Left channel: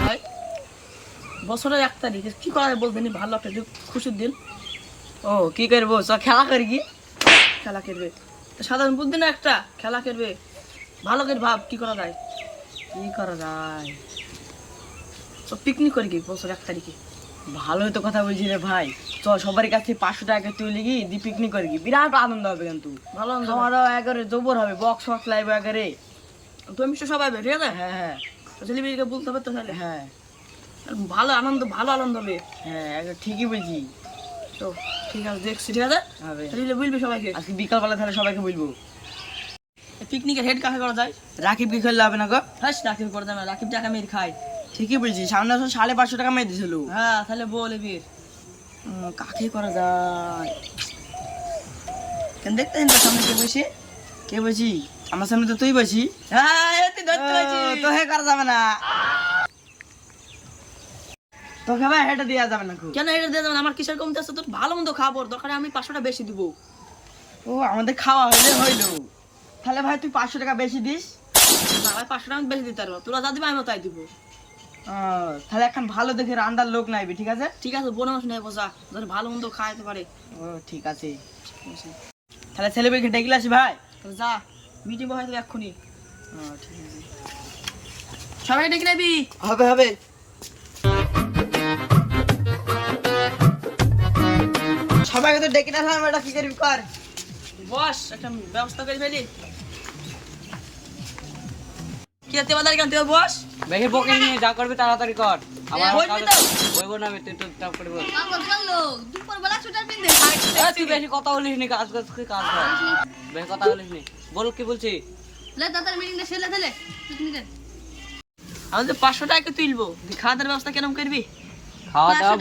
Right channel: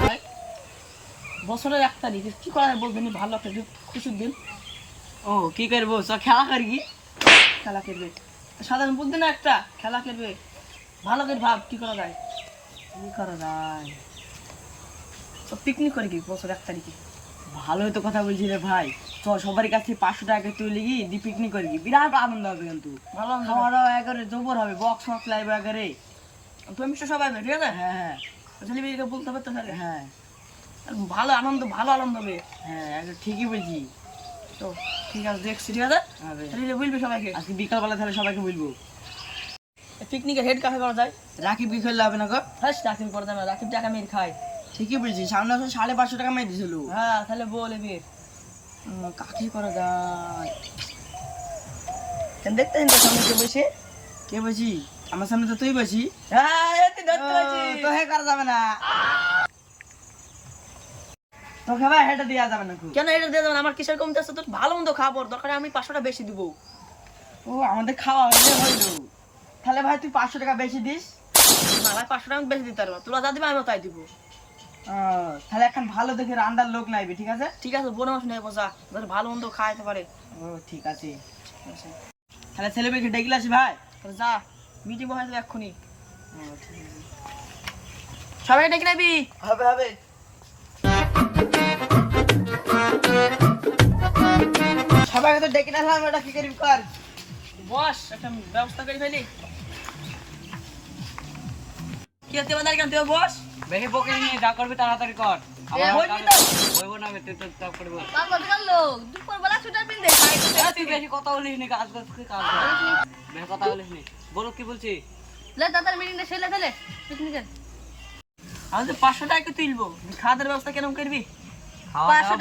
ভাই বছরের 1 তারিখ কি করা যায় বলবেন, ভালো একটা খুশির দিন। ও কি করবো, খেলা করি কি? খেলা খেলবে, সাধারণ বুদ্ধি না একটা, খেলা খেলবে ভালো করে ভাব কি করা যায়। কি করা যায়? তো পিকনিক করি কি বছর 1 তারিখে? ভালোই তো কথা বলছি রে ভাই। চল সবার কাছে 500 টাকা তুলে গিয়ে দি পিকনিক করি কি, বিরাট আনন্দ হবে কিন্তু। ভালো আনন্দ হবে। খাওয়া একবারে জবর হবে, বক্স ফক্স লাইভ একবারে। তুমি মিষ্টি সবাই হবে, ঠিক আছে? হ্যাঁ হ্যাঁ ছেলেমেয়েকে বলতে হবে তো তাহলে। হ্যাঁ ভালো আনন্দ হবে। হ্যাঁ একদম ঠিকই বলছি। তো ঠিক আছে, দেখছি, ঠিক আছে হবে। ছেলে বলবি সবাইকে। আজকে বিকালবেলা তাহলে সবাইকে বলবো। পিকনিকের হেড কাকে করা যায়? রাকিব কি করলে হবে না গো? হ্যাঁ রাকিব করে দেবে, রাকিব টাকা মেরে খায়। ঠিকই বলছি, সামনে বছর 550 টাকা মেয়ে দিয়েছিল। হ্যাঁ তাহলে বল এবার কাকে করা যায়? কেন দেখতে তো সামনে কে বসে? কে বলছি? আমার সামনে তো তুই বসি। হ্যাঁ এতে ধরতে পারছি। তো হে করা যাবে না, তোকে ভাই হেঁটে দেওয়া যাবে না। কেন এটা দিয়ে দেবেন? আমার কিসের কমতে আছে? তোর ভালো মন্দ খাবো, দরকারে আমি 500 টাকা বেশি দিব। ও আমাদের খাওয়া হইলে হইলো, তাহলে ভাই তুই 500 টাকা বেশি দিস। না ভাই 500 টাকা আমি বেশি দিতে পারবো, তোরা যা দিবে আমি তাই দিব। তাহলে এখন ভালো দেখে রান্নার লোক নাইবি, ঠিক আছে? ঠিক আছে, বোন মাস নেই বসা, ধর ভালো মন্দ খাইতে পারে। ও ঠিক আছে, তাহলে ছেলেমেয়েকে ডেকে আসি ভাই। তাহলে যা, মিটিং বসাই দেবে এক্ষুনি। ঠিক আছে, সবাই ডেকে নেবি। হবে হবে। সবাইকে তো ডেকে না, এটা কি করবি কর। বস একটা ব্যবস্থা করে ফেলি। কি আছে বাজার কেন তুই বস? বেশি বকিস নি, যা করবি তাড়াতাড়ি কর। বসবি তো? বলবো না আমি, তুই তো তাও করবি। দুপুরবেলা ছুটার পিন দে। তুই বেশি কথা বলিস নি, কাজ কর, কাজ কর। বেশি কথা বলিস নি, বল কি বলছি। আমাদের 500 টাকা তুলবো, খাওয়া দাওয়ার ব্যবস্থা কেরম করবি? খাওয়া দাওয়া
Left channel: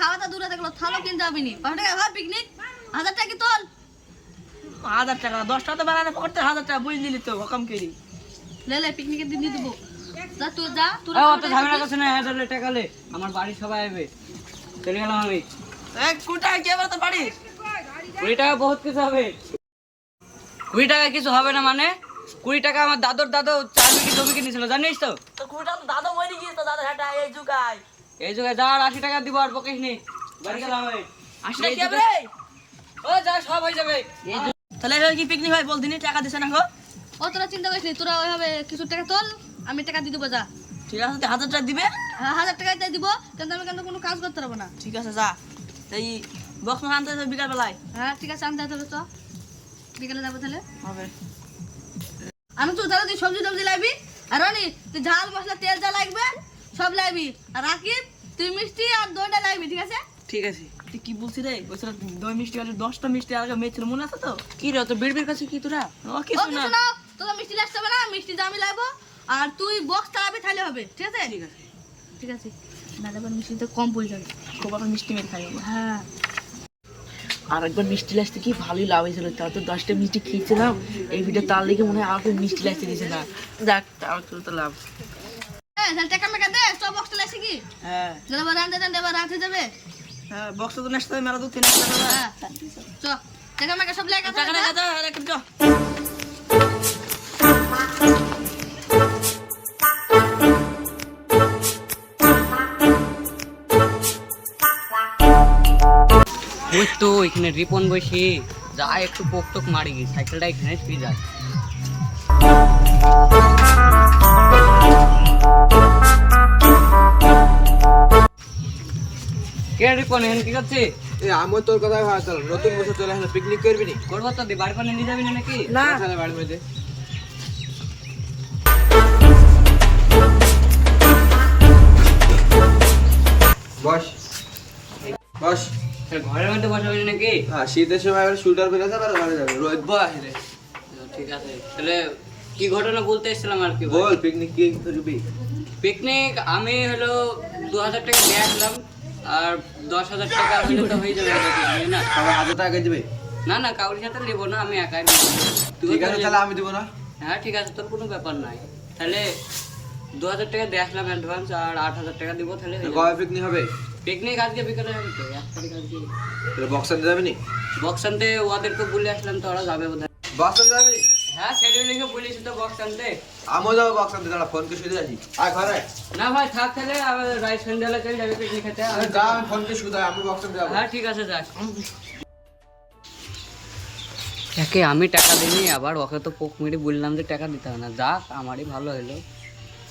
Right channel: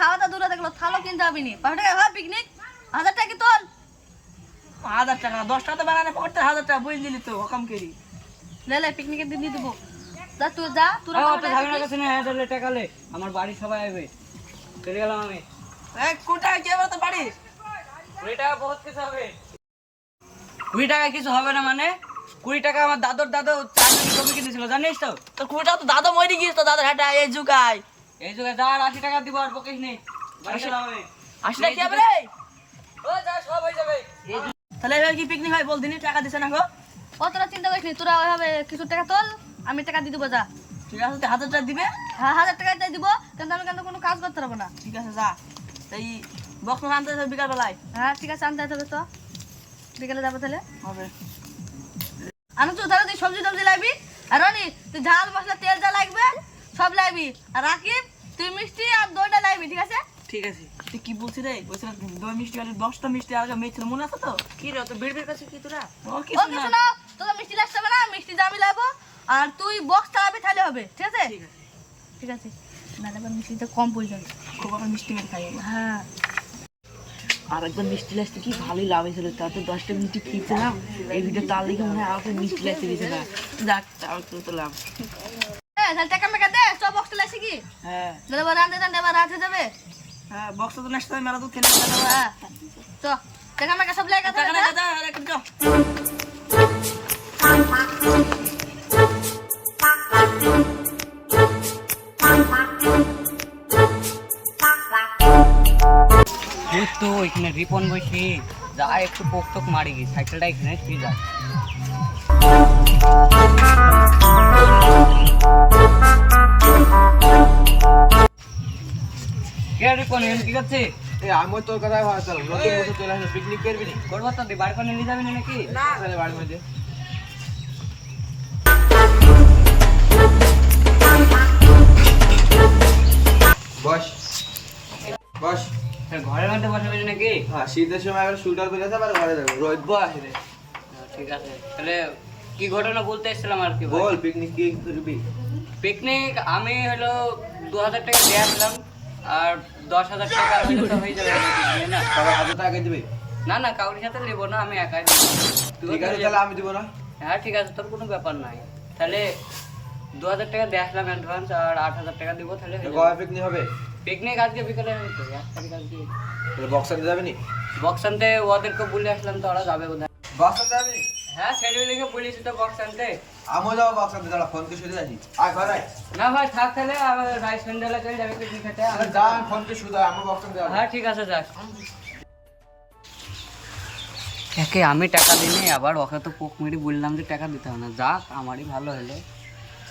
খাওয়া দাওয়া দূরে দেখলো, থালো কিনতে হবে নি। 500 টাকা হয় পিকনিক, 1000 টাকা কি তোল? 1000 টাকা 10 টাকা তো বানানো পড়তে, 1000 টাকা বুঝ দিলি তো হকাম করি। লে পিকনিকের দিন দিয়ে দেবো। যা তুই যা, তোরা ঝামেলা করছে না, হেঁটে টেকালে আমার বাড়ির সবাই আসবে। চলে গেলাম আমি। এক কোটি টাকা কি আবার তো পারিস? 20 টাকা বহুত কিছু হবে। 20 টাকা কিছু হবে না মানে? 20 টাকা আমার দাদু 4 বিঘি জমি কিনেছিল, জানিস তো? তো কোটি টাকা তো দাদা মরে গিয়েছে, তো দাদা হাঁটা এই যুগায়। এই জায়গায় যাওয়ার 80 টাকা দিব, আর বকিস নি। বাড়ি গেলাম আমি। আসলে কি হবে রে? ও যা, সব হয়ে যাবে। তাহলে এবার কি পিকনিক হয় বল দিনি, টাকা দিছে না গো? অতটা চিন্তা করিস নি, তোরা ওইভাবে কিছু টাকা তোল, আমি টাকা দিয়ে দেবো। যা, ঠিক আছে, তুই 1000 টাকা দিবে। হ্যাঁ 1000 টাকাই তাই দিব, কিন্তু আমি কেন কোনো কাজ করতে পারবো না। ঠিক আছে যা, এই বক্স আনতে যাবে বিকাল বেলায়। হ্যাঁ ঠিক আছে, আনতে তাহলে তো বিকেলে যাবো তাহলে। হবে। আমি তো তাহলে তুই সবজি টবজি লাগবি, আর রনি তুই ঝাল মশলা তেল যা লাগবে সব লাগবি, আর রাকিব তুই মিষ্টি আর দইটা লাগবি, ঠিক আছে? ঠিক আছে। তুই কি বলছিস রে? বলছিল দই মিষ্টি আর 10টা মিষ্টি আর আগে মেয়ে ছিল, মনে আছে তো? কি রে, তো বিড়বিড় করছিস কি তোরা? ও ও কিছু কিছু না। না, তোকে মিষ্টি লাগতে হবে না, মিষ্টি দামি লাগবো, আর তুই বক্স চালাবি তাহলে হবে, ঠিক আছে? ঠিক আছে। ঠিক আছে, নাহলে আবার মিষ্টিটা কম পড়ে যাবে। খুব একটা মিষ্টি মেরে খাই আমরা। হ্যাঁ আর একবার মিষ্টি লাগতে কি ভালোই লাভ হয়েছিল, তার তো 10টা মিষ্টি খেয়েছিলাম। এই ভিডিও তার লেগে মনে হয় আমাকে মিষ্টি লাগতে গেছে না। যাক, তাও তো লাভ। হ্যাঁ তাহলে টাকা মেকা দে, সব বক্সটা লাগছে কি? হ্যাঁ তাহলে আবার রাঁধতে টানতে আবার রাত হয়ে যাবে। হ্যাঁ, বক্সটা তো নেক্সট টাইম মেলা দূর থেকে নেক্সট টাইম। হ্যাঁ চ, টাকা মেকা সব লেগে টাকা না দাদা, আর একটা চ। ওই তো এখানে রিপন বসে যা, একটু পোক টোক মারি গি, সাইকেলটা এখানে ফিরে যায়। কে রিপন এখানে কি করছে? আমি তোর কথাই ভাবছিলাম, নতুন বছর চলে আসলে পিকনিক করবি নি? করবো তো, বাড়ি পানি নিয়ে যাবি না নাকি? না তাহলে বাড়ির মধ্যে বস বস। ঘরের মধ্যে বসাবি না নাকি? হ্যাঁ, শীতের সময় আবার শুটার বেরোতে আবার ঘরে যাবে, রোদ বাহিরে। ঠিক আছে, তাহলে কি ঘটনা বলতে এসেছিলাম আর কি। বল পিকনিক কি করবি? পিকনিক আমি হলো 2000 টাকা দিয়ে আসলাম, আর 10,000 টাকা হলে তো হয়ে যাবে picnic, না? সবাই 1000 টাকা দিবে? না না, কাউরির সাথে নেবো না, আমি একাই নেবো। তুইও ঠিক আছে, তাহলে- তাহলে আমি দিব না। হ্যাঁ ঠিক আছে, তোর কোনো ব্যাপার নাই। তাহলে 2000 টাকা দিয়ে আসলাম অ্যাডভান্স, আর 8000 টাকা দিব, তাহলে কবে পিকনিক হবে? পিকনিক আজকে বিকালে হবে তো, 1 তারিখ আজকে। তাহলে বক্স আনতে যাবি নি? বক্স আনতে ওদেরকে বলে আসলাম, তো ওরা যাবে বোধ হয়। বক্স আনতে যাবি নি? হ্যাঁ ছেলে লিখে বলিস তো বক্স আনতে। আমিও যাবো বক্স আনতে, দাঁড়া ফোন কে শুধু আসি। আয় ঘরে। না ভাই থাক তাহলে, আবার রাইস সন্ধ্যাবেলা চলে যাবে পিকনিক খেতে। যা আমি ফোন কে শুধু আমি বক্স আনতে যাবো। হ্যাঁ ঠিক আছে যাক। একে আমি টাকা দিইনি, আবার ওকে তো পোক মেরে বললাম যে টাকা দিতে হবে না। যাক আমারই ভালো হলো,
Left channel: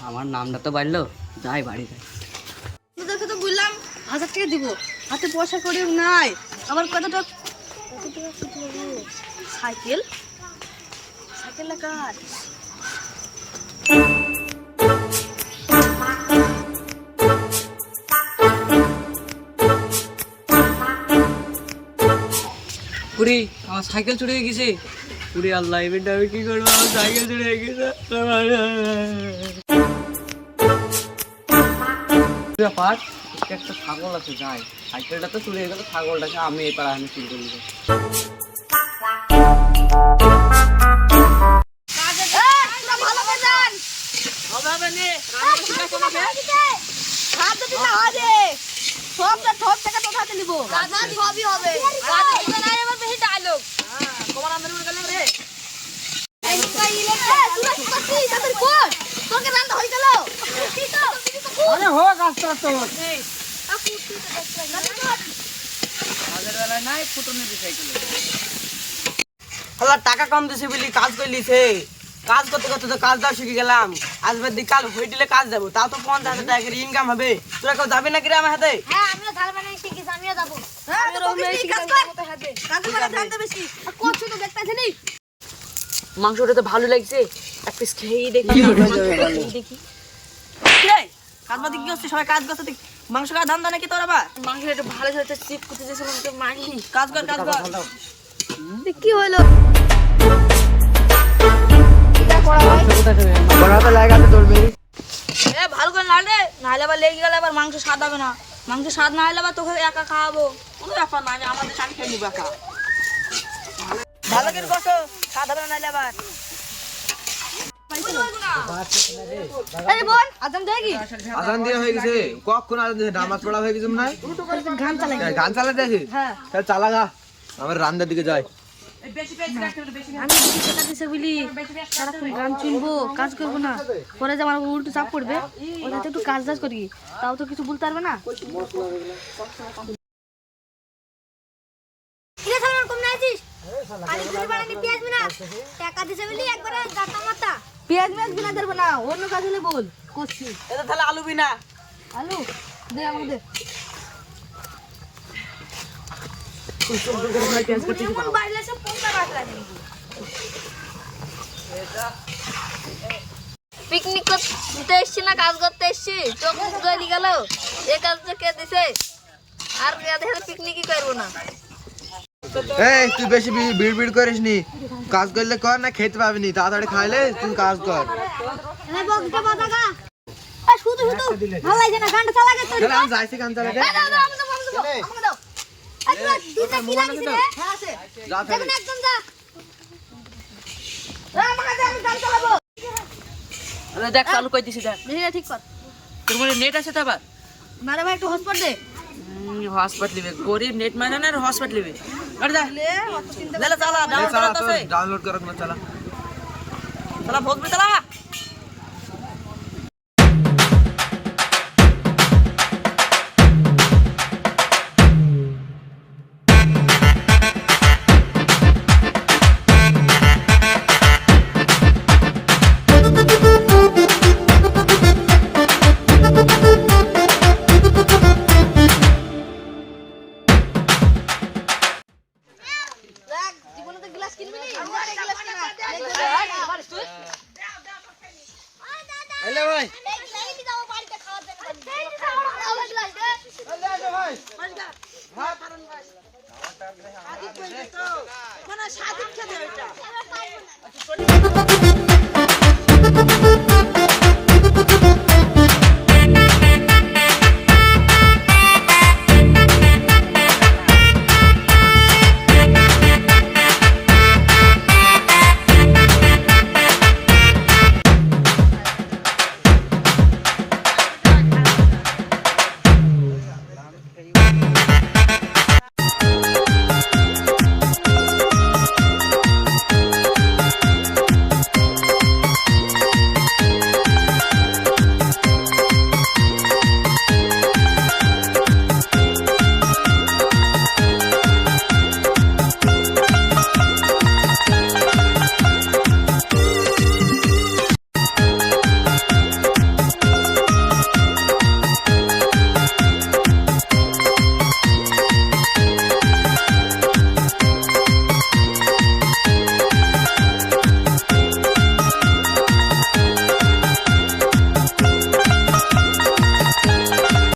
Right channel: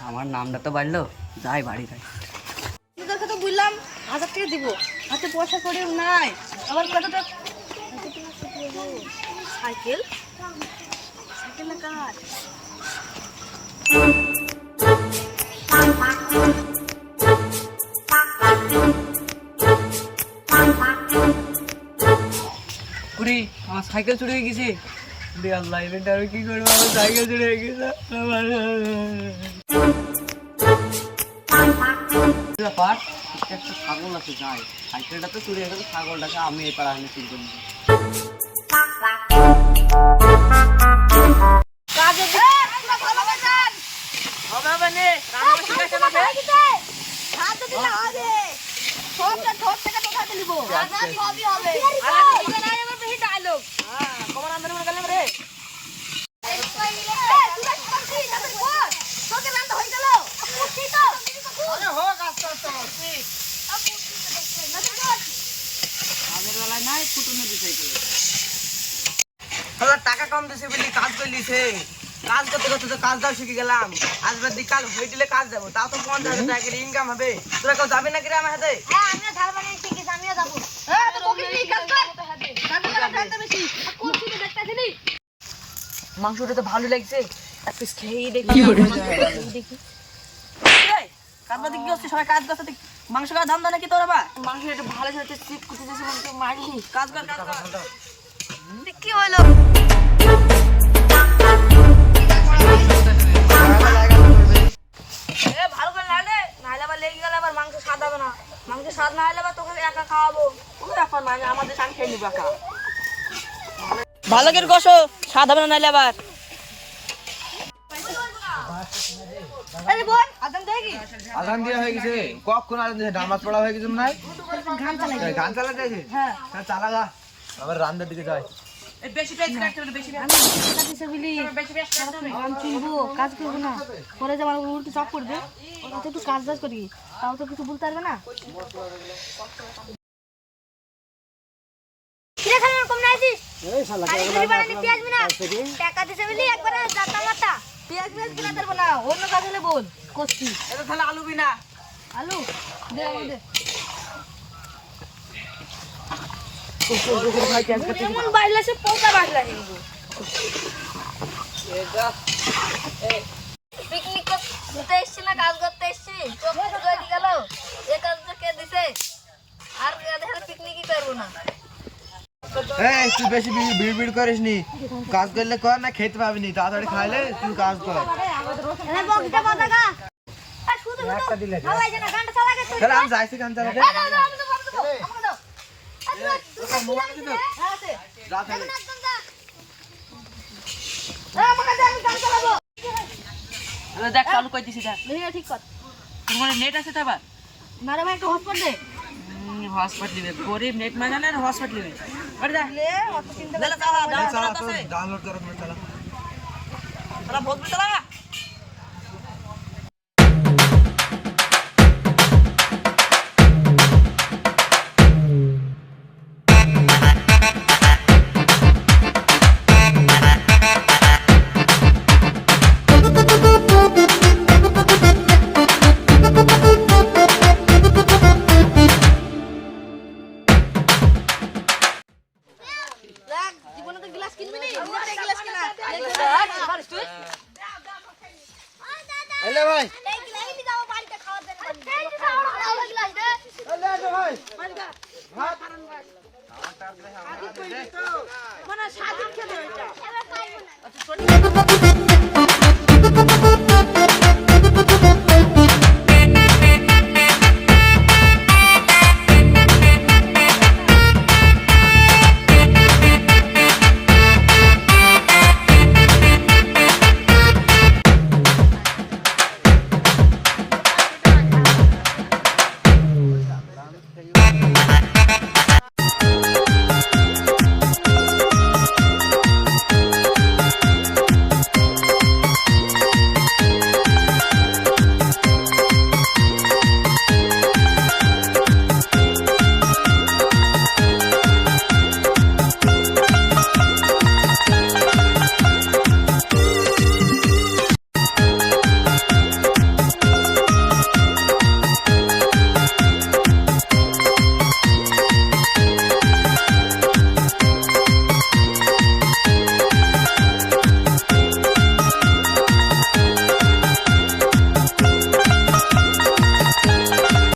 আমার নামটা তো বাড়লো। যাই বাড়ি যাই। তোদেরকে তো বললাম 1000 টাকা দিব, হাতে পয়সা করে নাই। আবার কতটা সাইকেল সাইকেল না কার? পুরি আমার সাইকেল চুরি হয়ে গেছে। পুরি আল্লাহ এবারটা আমি কি করবো, আমার সাইকেল চুরি হয়ে গেছে। ব্যাপার একটা ছাগল আছে, যাই সাইকেলটা তো চুরি হয়ে গেল, ছাগলটাকে আমি এই পাড়া আমি চুরি করে নিবো। কাজের বেলায় নাই ফুটুনি দি সাইকেলে। টাকা কম দিছি বলি কাজ করলিছে, কাজ করতে করতে তো কাজটাও শিখে গেলাম। আজ বাদ কাল হয়ে দিলে কাজ যাবো, তাও তো 50,000 টাকা করে ইনকাম হবে। তোরা কেউ যাবি নাকি রে আমার হাতে? হ্যাঁ আমিও ধার বানিয়ে শিখেছি, আমিও যাবো। হ্যাঁ তো বকিস নি, কাজ কর। কাজে করে ধারটা বেশি আর কোন শুধু দেখতাছিস নি? মাংসটা তো ভালো লাগছে, এক পিস খেয়েই দেখি। দেখি কাজবাদি কি হচ্ছে, সবাই কাজ করছে, মাংস খাওয়ার ধান্দা নাকি তোর আবার? মাংস একটু ভালো সাথে চিপ করতে যাচ্ছে, তো মারলি। কাজ কর কাজ কর। কি হলো? এ ভালো করে নাড়লে, নাহলে আবার লেগে গেলে আবার মাংস স্বাদ হবে না। মাংস স্বাদ না হলে আবার তোকে একা খাওয়াবো। কোনো ব্যাপার না, আমি আমাদের আমি খেয়ে নিবো একা। ভালো করে কষো, স্বাদ হবে না নাইলে আবার। এই বোন আদম দেখি আজান দিয়ে হয়ে গেছে, কখন আজান দিয়ে নামাজ পড়া হয়ে গেছে মনে হয়। গান চালাই। গান চালাতে আছে, হ্যাঁ তাহলে চালা গা, আমার রান্নার দিকে যাই। আমি বেশি টাকা দিছে বলি সারাক্ষণ গান শুনবো, কাজ করবো না। পরে যে আমার উল্টো চাপ পড়বে, ওটাতে একটু কাজ টাজ করি, তাও তো কিছু বলতে পারবে না। কিরে সালমান কম নাইছিস? পানি ঝুরি বানানি পেঁয়াজ বিনা টাকা দিছে বলি একবারে দাতা মাতা। পেঁয়াজ মেজ বিনা ধরবো না, অন্য কাজ হলে বল করছি। এটা তাহলে আলু বিনা। আলু দে আমাকে দে। এমন বাইলে সে পোকা বাড়লা হিন্দু। পিকনিক করতে এসছি না কাজ করতে এসছি? চোখ মুখ গলি গেল, এ কাজটা কে দিছে? আর দেখে পিকনিকই করবো না। এই তুই বেশি বিড় করিস নি, কাজ করলে কর, না খেতে পাবি নি, তাড়াতাড়ি খাইলে তুই কাজ কর। এ বকটা মাথা গা। আর শুধু শুধু ভালো লাগে না, গানটা চালা গেছে। তাহলে আমি যাইছি গান চালাতে। দাও দাও আমাকে দাও আমাকে দাও। আচ্ছা মোবাইল আছে? হ্যাঁ আছে। যা তাহলে। দেখুন একদম যা। এ আমাকে দে, আমি গান চালাবো। দেখ চালু করে দিছি, দেখ দেখি ঠিক কর। তোর মনে নেট আছে তো আবার? মারে ভাই একটা হসপিটাল দে। হসপিটাল লিবে, গরিব নেট মানে না, হসপিটাল লিবে। আরে দেখ লে অত চিন্তা করে চালা এই চালা তো ডাউনলোড করো না, চালা। চালা ভোট চালা। দেখ জীবনে তো গ্লাস কিনবি নি, নিজে গ্লাস কিনা। হ্যালো ভাই, এই গ্লাস নিয়ে যাও বাড়িতে খাওয়ার জন্য বাড়ি। এই যে খাওয়ার গ্লাস দে। হ্যালো ভাই। মানে স্বাধীন খেতে এটা।